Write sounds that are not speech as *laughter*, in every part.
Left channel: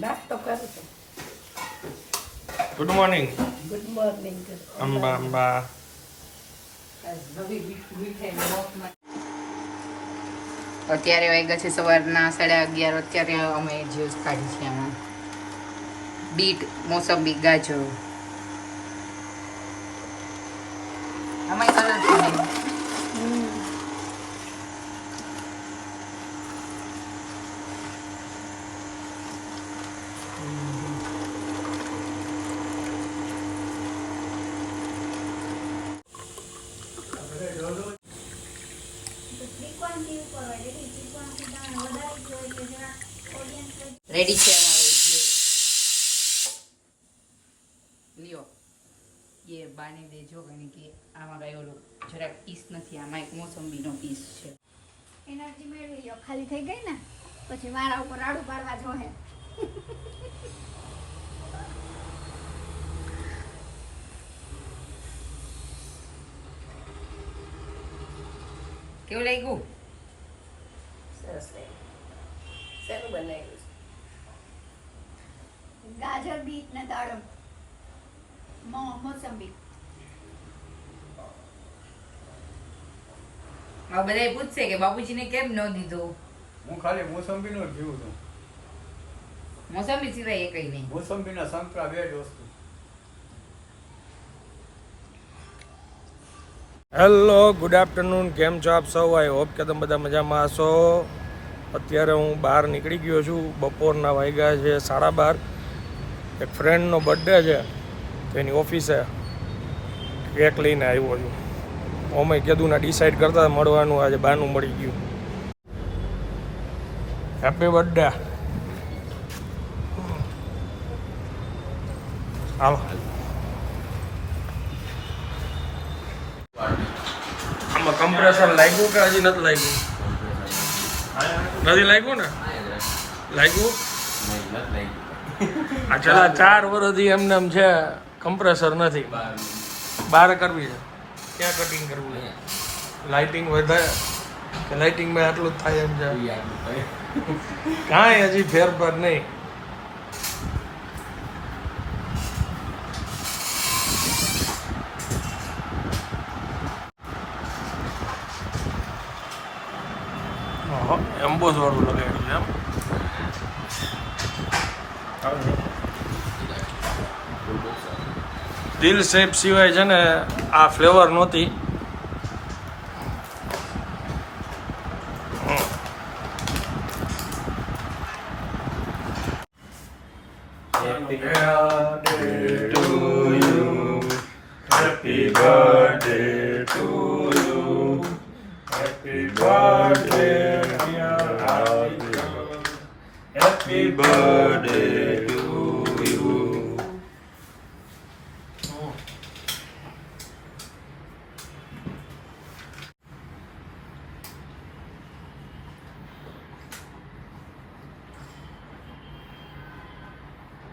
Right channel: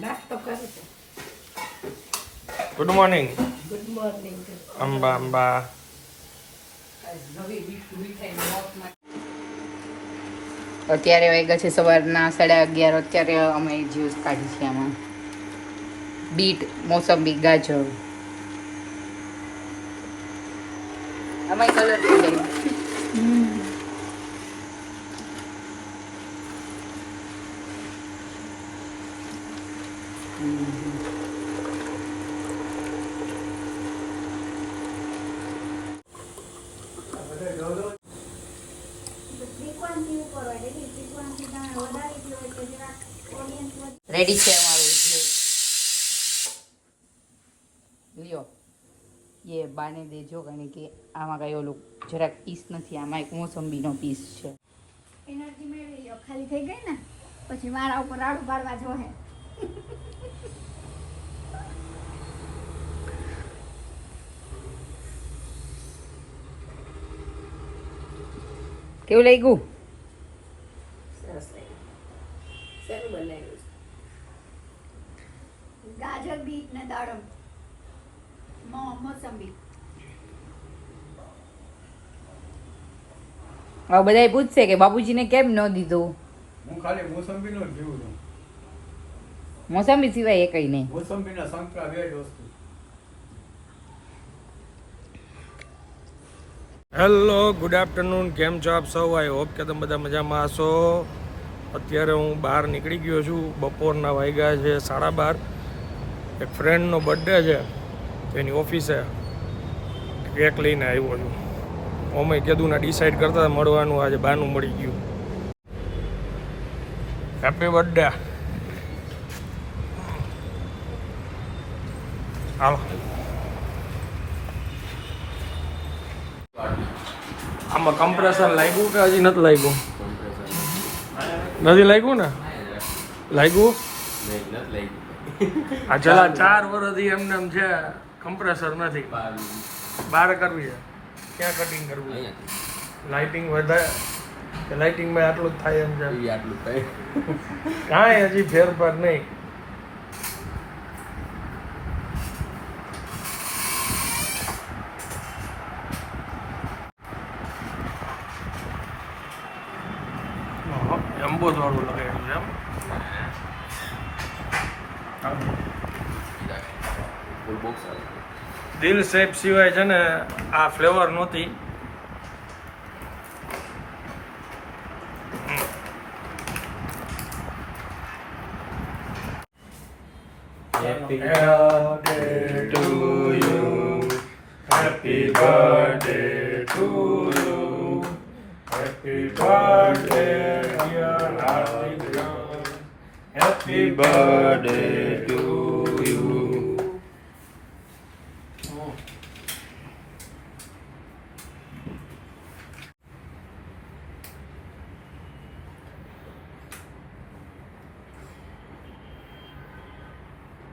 નાસ્તો કરું છું. Good morning good morning Amba Amba. અત્યારે વાગ્યા છે સવારના સાડા અગિયાર. અત્યારે અમે જ્યુસ કાઢી છે આમાં. બીટ મોસંબી ગાજર. આમાં કલર શું રેડી છે અમારું લ્યો. એ બાને દેજો કારણ કે આમાં કઈ ઓલું જરાક પીસ નથી આમાં એક મોસંબીનો પીસ છે. એનર્જી મેળવી લ્યો. ખાલી થઈ ગઈ ને? પછી મારા ઉપર રાડું પાડવા જોહે. કેવું લાગ્યું? સરસ લાગ્યું. શેનું બનાવ્યું છે? ગાજર બીટ ને દાડમ. મોસંબી. હવે બધા પૂછશે કે બાપુજીને કેમ ન દીધો? હું ખાલી મોસંબી નો પીવું છું. મોસંબી સિવાય એ કઈ નહીં. મોસંબીના સંકળા બે જ વસ્તુ. હેલો ગુડ આફ્ટરનૂન કેમ છો આપ સૌ? આઈ હોપ કે તમે બધા મજામાં હશો. અત્યારે હું બહાર નીકળી ગયો છું. બપોરના વાગ્યા છે સાડા બાર. એક ફ્રેન્ડનો બર્થડે છે. તેની ઓફિસે કેક લઈને આવ્યો છું. અમે કીધું ના ડિસાઈડ કરતા મળવાનું. આજે બહારનું મળી ગયું. હેપી બર્થડે હાલો. આમાં કમ્પ્રેસર લાગ્યું કે હજી નથી લાગ્યું? નથી લાગ્યું ને? લાગ્યું? આ છેલ્લા ચાર વર્ષથી એમને એમ છે કમ્પ્રેસર નથી. બહાર કરવી છે. ક્યાં કટિંગ કરવું? છે લાઇટિંગ વધારે કે લાઇટિંગમાં આટલું જ થાય એમ છે? કાંઈ હજી ફેરફાર નહીં. એમ્બોસ વાળું લગાવ્યું છે એમ. દિલ શેપ સિવાય છે ને આ ફ્લેવર નહોતી. Happy birthday to you.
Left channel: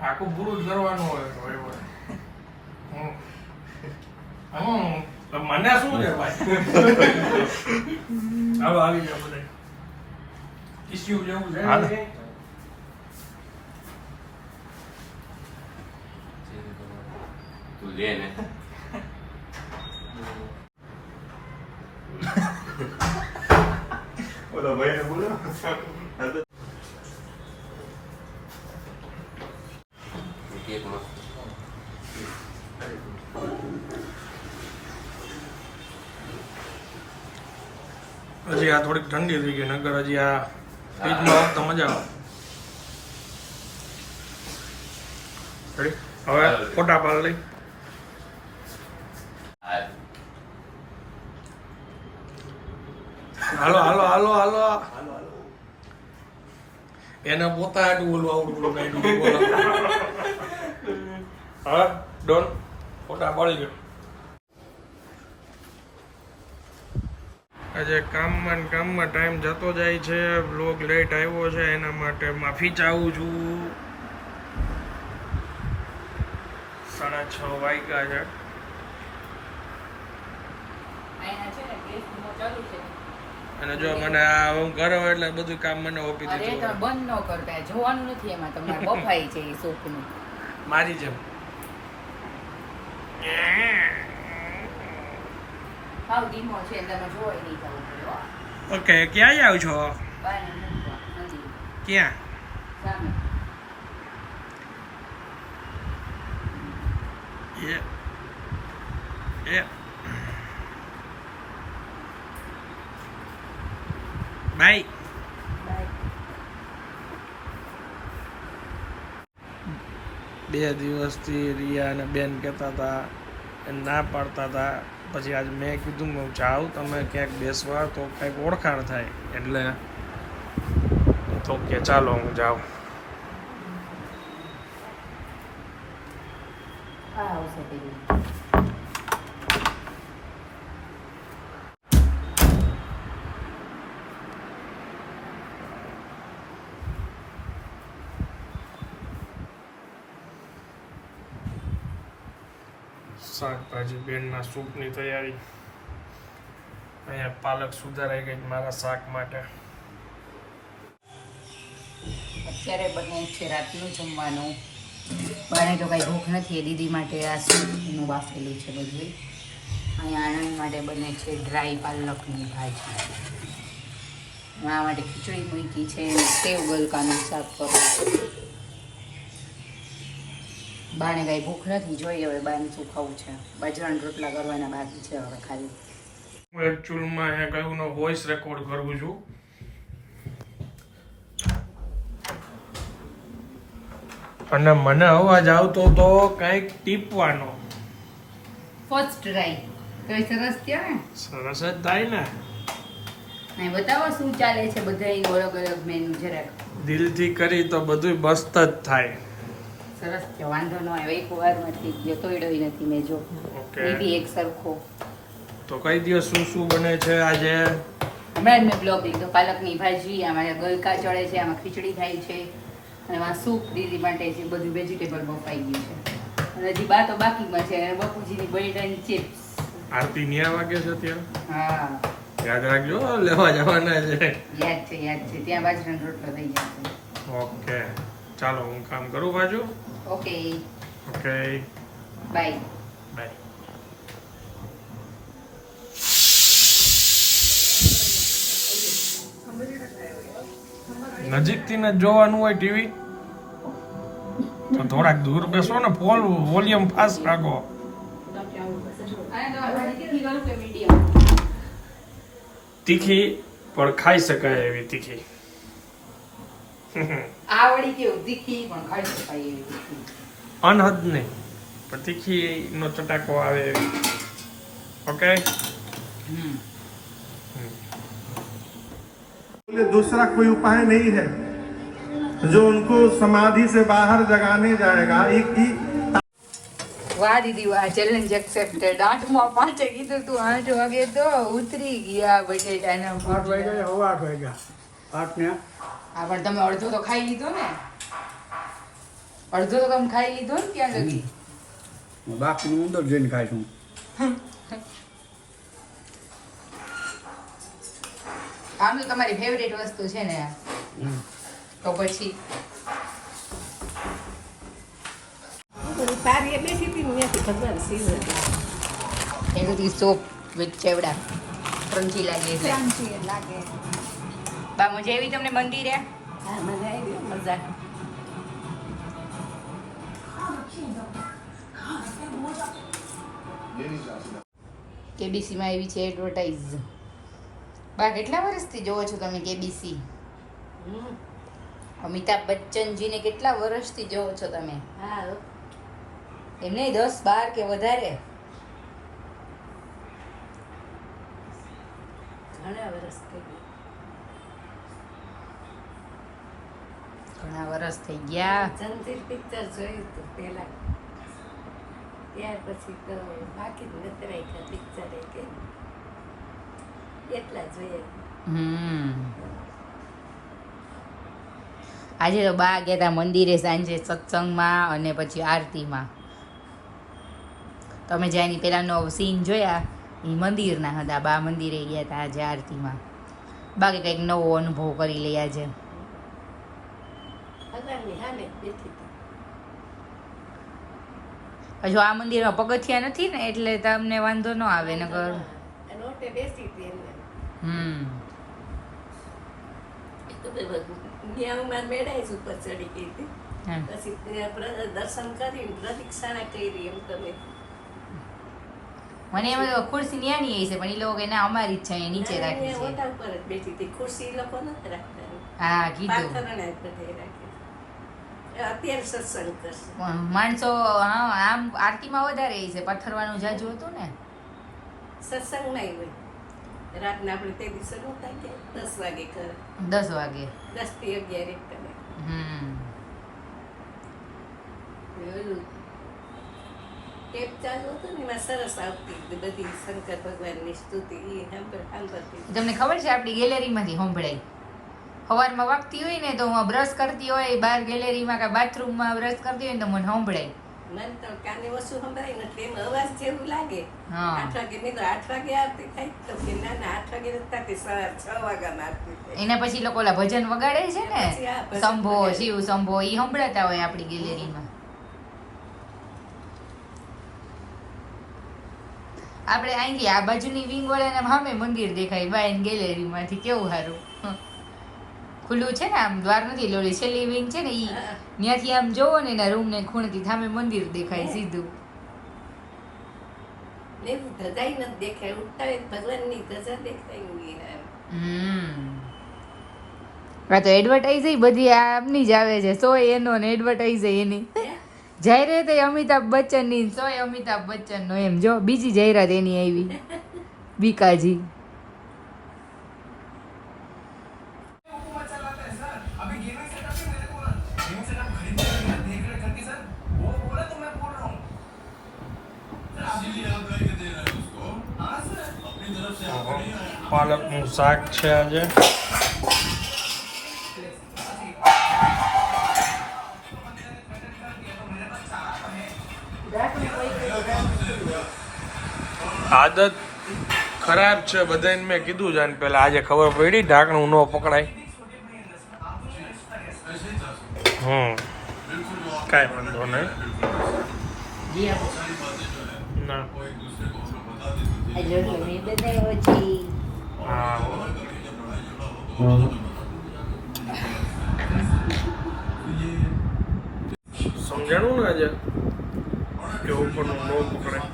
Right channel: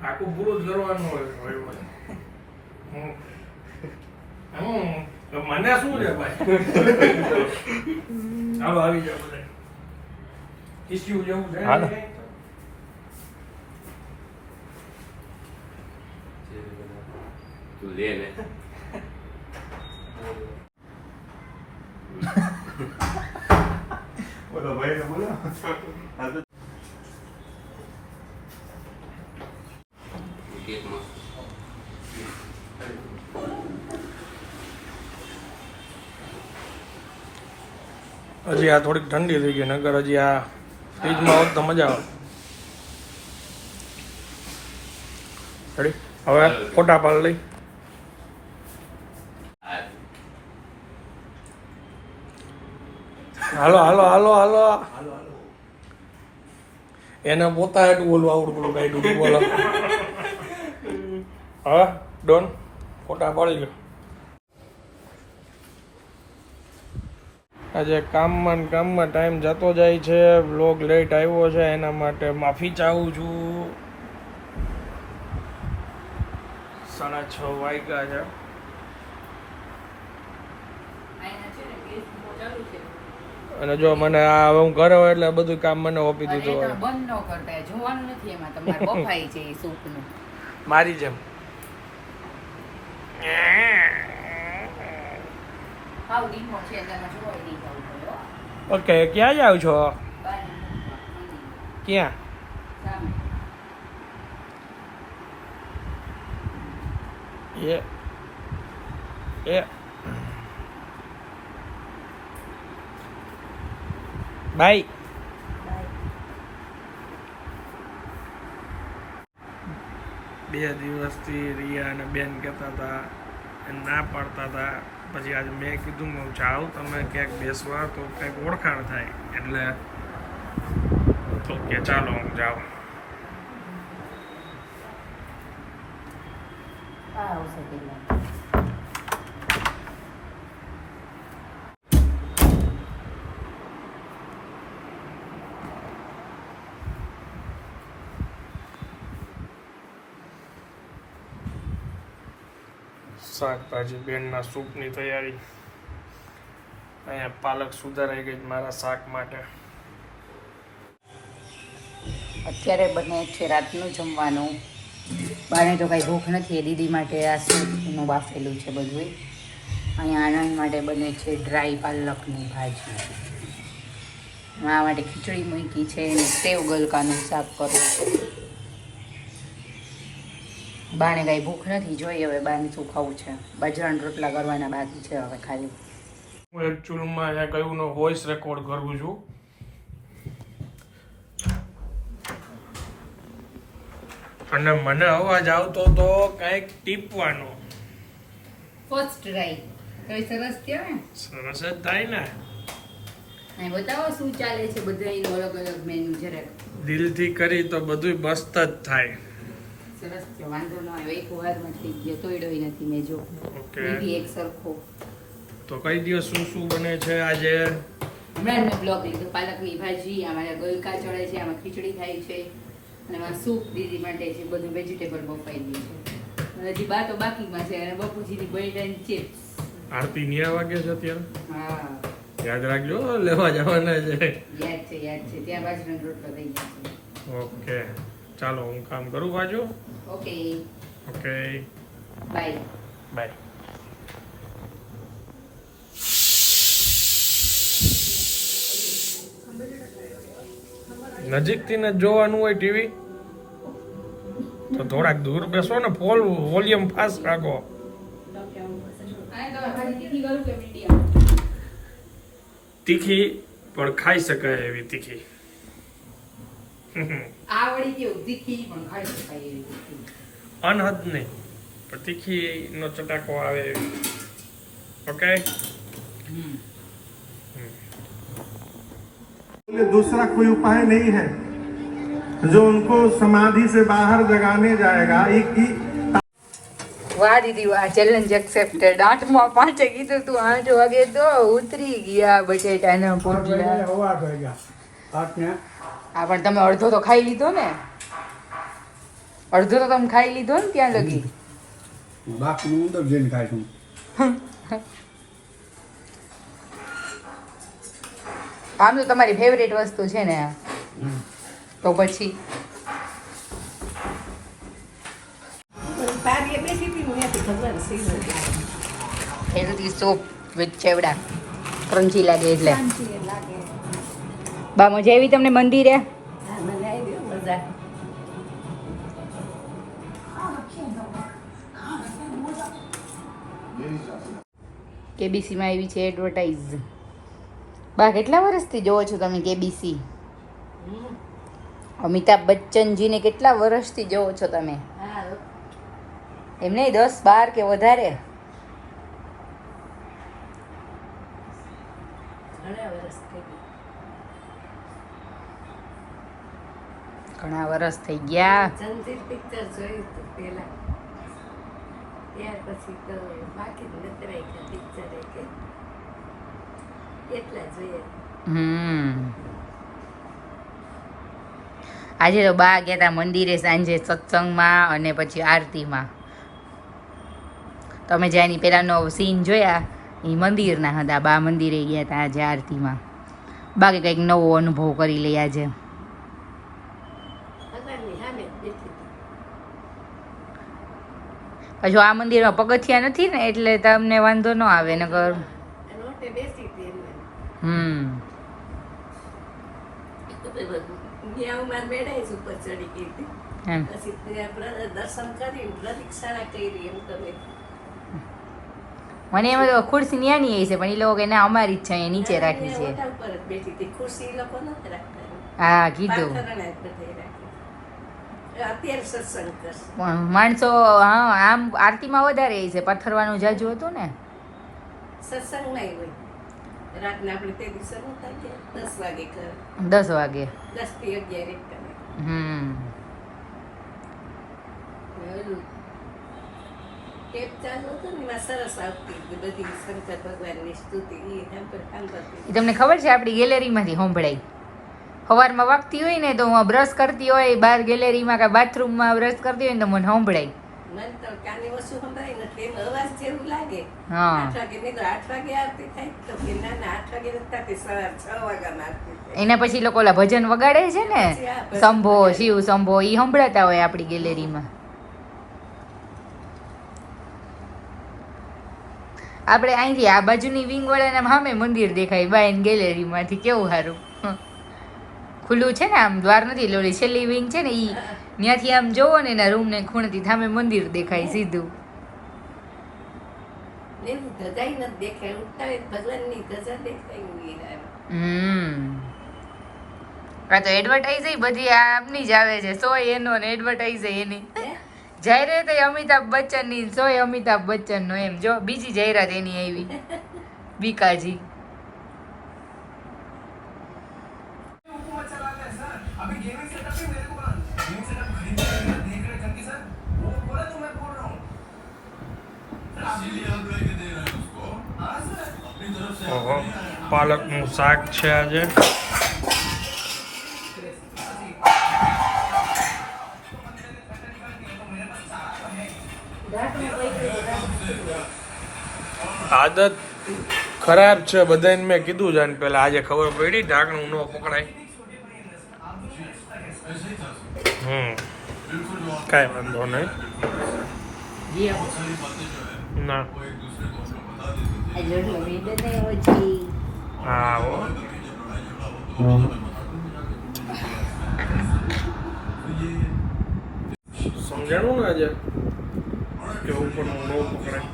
આખું પૂરું કરવાનું હોય. હમ. તો મને શું છે ભાઈ *laughs* ચાલો આવી જાય બધા ટીસ્યુ જેવું છે હાલો. તું લે ને બોલો ભાઈ બોલો હજી આ થોડીક ઠંડી થઈ ગઈ નગર હજી આ ફ્રીજમાં હોત તો મજા આવે. હવે ફોટા પાડ લઈ. હાલો હાલો હાલો હાલો. એને પોતા એટલું બોલવા આવડતું ડૂબું બોલો. હા, ડોન, ફોટા પાડી ગયો આજે કામમાં કામમાં ટાઈમ જતો જાય છે બ્લોગ લેટ આવ્યો છે, એના માટે માફી ચાહું છું. સાડા છ વાગ્યા છે અહીંયા છે ને ગેસ ચાલુ છે અને જો મને આ હું ઘરે હોય એટલે બધું કામ મને ઓપી દીધું બંધ ન કરતા જોવાનું નથી એમાં તમારે *laughs* બફાઈ છે એ સૂપનું. મારી જેમ. હાવ ધીમો છે એટલે એમાં જોવાય નહીં જવું ઓકે ક્યાં જાવ છો. ક્યાં? Yeah. એ બાય બે દિવસથી રિયા અને બેન કહેતા હતા એ ના પાડતા હતા પછી આજે મેં કીધું કે હું જાઉં તમે ક્યાંક બેસવા તો કંઈક ઓળખાણ થાય. એટલે તો કે ચાલો હું જાઉં. આવશે શાકભાજી બેનના સૂપની તૈયારી. અહીંયા પાલક સુધારાઈ ગઈ મારા શાક માટે. અત્યારે બને છે રાતનું જમવાનું. બારે તો કાંઈ ભૂખ નથી, એ દીદી માટે આ સૂપનું બાફેલું છે બધું. અહીંયા આનંદ માટે બને છે ડ્રાય પાલકની ભાજી. મારા માટે ખીચડી મૂકી છે સેવ ગલકાનું શાક કરું બાને કાંઈ ભૂખ નથી જોઈએ હવે બાને શું ખાવું છે? બાજરાના રોટલા કરવાના બાકી છે હવે ખાલી. હું એકચ્યુઅલમાં અહીંયા કયું નો વોઇસ રેકોર્ડ કરું છું. અને મને અવાજ આવતો તો કંઈક ટીપવાનો. ફર્સ્ટ ટ્રાય તો સરસ થયો ને? સરસ જ થાય ને. નહીં બતાવો શું ચાલે છે બધા અલગ અલગ મેનુ જરાક. દિલથી કરી તો બધું મસ્ત જ થાય. સરસ છે વાંધો ન આવ્યો એક વારમાં થઈ ગયો તોડ્યોય નથી મેં જો. એ બી એક સરખો. તો કઈ દિવસ શું શું બને છે આજે? હમણાં જ મેં બ્લોગ લીધો. પાલકની ભાજી આમાં ગલકા ચડે છે આમાં ખીચડી થાય છે અને આમાં સૂપ દીદી માટે છે બધું વેજીટેબલ બફાઈ ગયું છે. અને હજી બા તો બાકીમાં છે. અને બપુજીની બટેટાની ચિપ્સ. આરતી ન્યા વાગે છે અત્યારે? હા. યાદ રાખજો લેવા જવાના છે. યાદ છે યાદ છે. ત્યાં બાજરાનો રોટલો થઈ જશે. ઓકે. ચાલો હું કામ કરું બાજુ? ઓકે ઓકે બાય બાય નજીકથી ને જોવાનું હોય ટીવી? તો થોડાક દૂર બેસો ને ફોલ વોલ્યુમ ફાસ્ટ રાખો. તીખી પણ ખાઈ શકાય એવી તીખી. આ વળી કેવું તીખી પણ ખાઈ શકાય એવી તીખી અનહદ નહીં પણ તીખી નો ચટાકો આવે એવી ઓકે હમ बोले दूसरा कोई उपाय नहीं है जो उनको समाधि से बाहर जगाने जाएगा एक ही વાહ દીદી વાહ ચેલેન્જ એક્સેપ્ટેડ આઠમાં પાંચે કીધું તું આઠ વાગે તો ઉતરી ગયા બટેટાના પોટલા હવા ભેગા આઠને હા પણ તમે અડધો તો ખાઈ લીધો ને. અડધો તો તમે ખાઈ લીધો ને ત્યાં લગી. બાકીનું અંદર જઈને ખાઈશું આમ તો તમારી ફેવરેટ વસ્તુ છે ને. આ તો પછી. તારી ખબર સોપ વિથ ચેવડા. ક્રન્ચી લાગે એટલે. બા મજા આવી તમને મંદિરે? હા મને આવી મજા કેબીસીમાં આવી છે એડવર્ટાઇઝ બા કેટલા વર્ષથી જોવો છો તમે કેબીસી? અમિતાભ બચ્ચનજીને કેટલા વર્ષથી જોવો છો તમે? એમને એમ નહીં દસ બાર કે વધારે? ઘણા વર્ષ થઈ ગયા ઘણા વર્ષ થઈ ગયા. જંજીર પિક્ચર જોયું હતું પહેલા. ત્યાર પછી તો બાકી નથી રાખ્યા પિક્ચર એટલા જોઈએ. હમ. આજે તો બા ગયા હતા મંદિરે સાંજે સત્સંગમાં અને પછી આરતીમાં. તમે જ્યાંની પહેલાંનો સીન જોયા એ મંદિરના હતા. બા મંદિરે ગયા હતા આજે આરતીમાં. બાકી કંઈક નવો અનુભવ કરી લઈએ આજે ભગવાનની સામે જ બેઠી હતી હજુ આ મંદિરમાં પગથિયા નથી ને એટલે તમને વાંધો ન આવે એમને હમ. જ મને એમ તો ખુરશી ન્યાની છે પણ એ લોકો કે ના અમારી જ છે અહીંયા નીચે રાખી છે. જ એ હા કીધું પાથરણે જ બધે રાખી અત્યારે સત્સંગ કરશે પણ માણસો હા આમ આરતીમાં વધારે એ છે પથ્થરવાનું જાજુ હતું ને? સત્સંગ નહીં હોય રાતના આપણે તે દિવસે નહોતા કે દસ વાગે કરે દસ વાગે. દસથી અગિયાર એક કરે હમ. ટેપ ચાલુ હતું ને એમાં સરસ આવતી બધી શંકર ભગવાનની સ્તુતિ એ સાંભળ સાંભળતી તમને ખબર છે આપણી ગેલેરીમાંથી સંભળાય. સવારમાં વાગતી હોય ને તો હું બ્રશ કરતી હોય બહાર ગેલેરીમાં કે બાથરૂમમાં બ્રશ કરતી હોય ને તો મને સંભળાય. મને તો કાને વસ્તુ સંભળાય નથી એમ અવાજ જેવું લાગે. હા. આઠ વાગે નહીં તો આઠ વાગે આવતી થાય. તો કે ના ના આઠ વાગે નથી થતી સવાર છ વાગ્યામાં આવતી એના પછી લોકો ઓલા ભજન વગાડે છે ને? વગાડે. શિવ સંભો એ સંભળાતા હોય આપણી ગેલેરીમાં આપણે અહીંથી આ બાજુની વિંગ વાળાના સામે મંદિર દેખાય બાય ગેલેરીમાંથી કેવું સારું? ખુલ્લું છે ને આમ દ્વાર નથી લોલી છેલ્લી વિંગ છે ને એ ત્યાંથી આમ જોવો ને એના રૂમ ને ખૂણેથી સામે મંદિર દેખાય સીધું. આ તો એડવર્ટાઈઝ બધી આમની જ આવે છે સો એનો ને એડવર્ટાઈઝ એની. જાહેરાત એ અમિતાભ બચ્ચનની સોય અમિતાભ બચ્ચન નો એમ જો બીજી જાહેરાત એની આવી. *laughs* બીકાજી પાલકનું શાક છે આજે. આદત ખરાબ છે બધાને મેં કીધું છે પેલા આજે ખબર પડી ઢાંકણું ન પકડાય. હમ. કાંઈ વાંધો નહીં. ના. સમજાણું ને આજે કે ઉપરનું ન પકડાય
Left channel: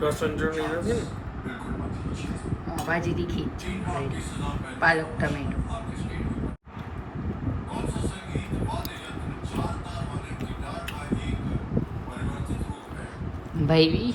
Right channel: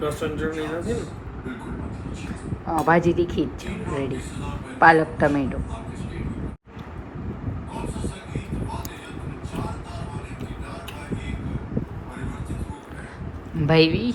લસણ ચટણી નથી ને ભાજી તીખી જ છે રેડી પાલક ટમેટો ભાઈ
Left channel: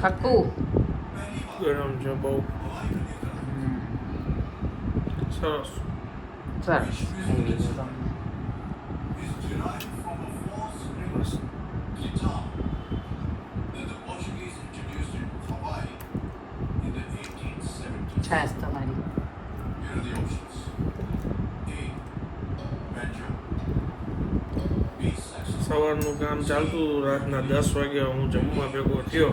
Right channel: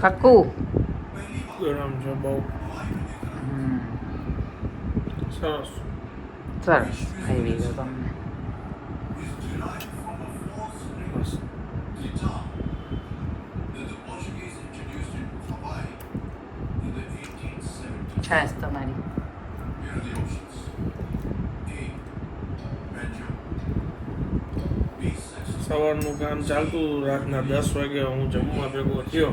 કાકુ? ગરમ છે બહુ. સરસ. સરસ. ખાઈ લીધો તમને છાશ તમારી સવારનું કામ ચાલતું હતું રાતના દસ વાગે હું જમવા ભેગો થયો.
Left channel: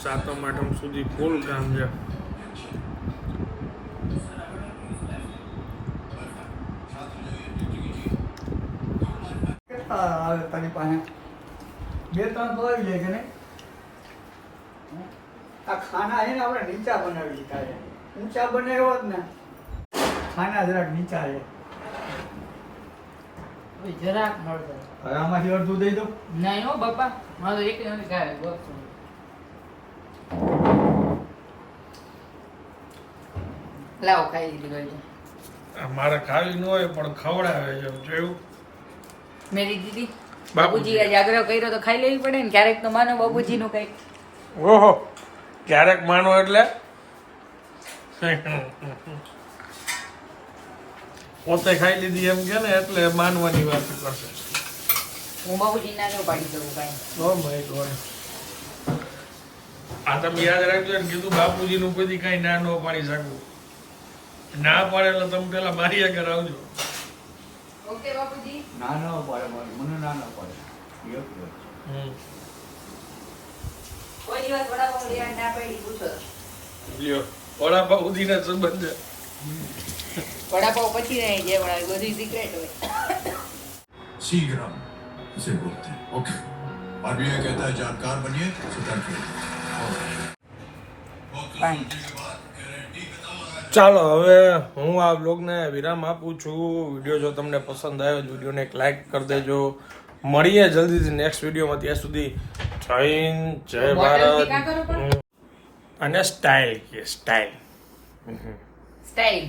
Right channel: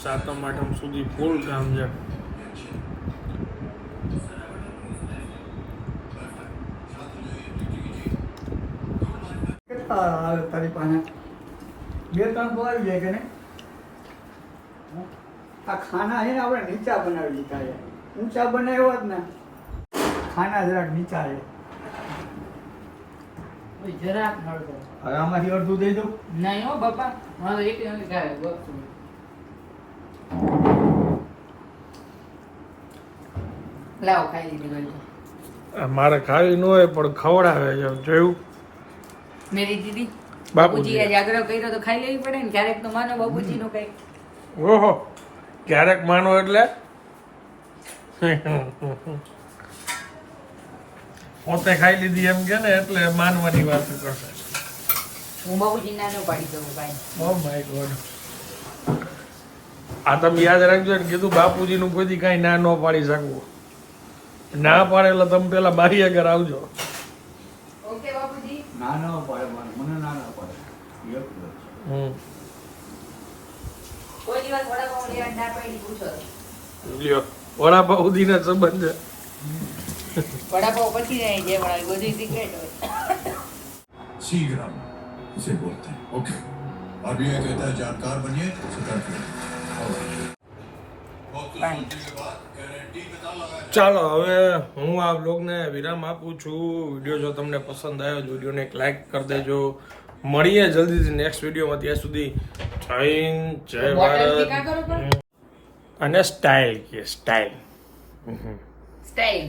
સાતમ, આઠમ સુધી ફૂલ કામ છે. આવે તારી પાસે? બે, ત્રણ બોલાવી જાય કે નહીં આ ખાના છે ને આપણે નીચા બનાવી દીધા ઊંચા બનાવ્યો જ ને, ખાના જરાક નીચા છે. જરાક હળદર. હવે આમાંથી અડધું દઈ દઉં? નહીં હો બાપા. મારે એક નથી ખાય વસ્તુ લાવો ખાઈ લીધી ગઈ મારે ખાવી ન હોય પણ ખવડાવે છે જોયું? મેરી દીદી બાપુજી. બાપુજી આજે આગ્રહ કર્યો તો ખાઈ લેવી પડે ને ક્યારેક તો માનો બાપુજી નું કઈ. ઓહો ક્યારેક માનો એટલે? પોતે ખાઈ લીધી એમ કે ને એટલે માનવાની વાત કરશે. હું બાપુજી ના ન પાડી દઉં કાંઈ ઓ માય ગોડ. આ તમે યાદ રાખજો ને કીધું બાપુજીનું કોઈ કાંઈ ના ન પાડી શકું. ના પાડે એટલે તમે પેલા બારી આગળ આવજો. ઓકે બાપુજી. ના ના પાડે મને મને ના ના પાડે હમ. કોઈ દિવસ વડાપાઉં લેવાની ના પાડી પૂછો. લ્યો સુધીના સંબંધ. છે વડાપાઉં પછી નહીં જે વડાવી બધી સિક્રેટ હોય शीघ्रम इसे बोलते हैं ओके और भी यह कहता है जानकार बनिए सतर्क रहिए वक्त सोचने के बाद गारंटी बता लगा ચાલો હવે હું આ બ્લોગને વિરામ આપું છું વિડીયો જો તમને પસંદ આવ્યો તો વિડીયોને એક લાઈક કરી દેજો મળીએ જલ્દીથી નેક્સ્ટ વિડીયોમાં ત્યાં સુધી જય હિન્દ જય ભારત હમ. અને સ્ટાઇલ કે સ્ટાઇલ સ્ટાઈલ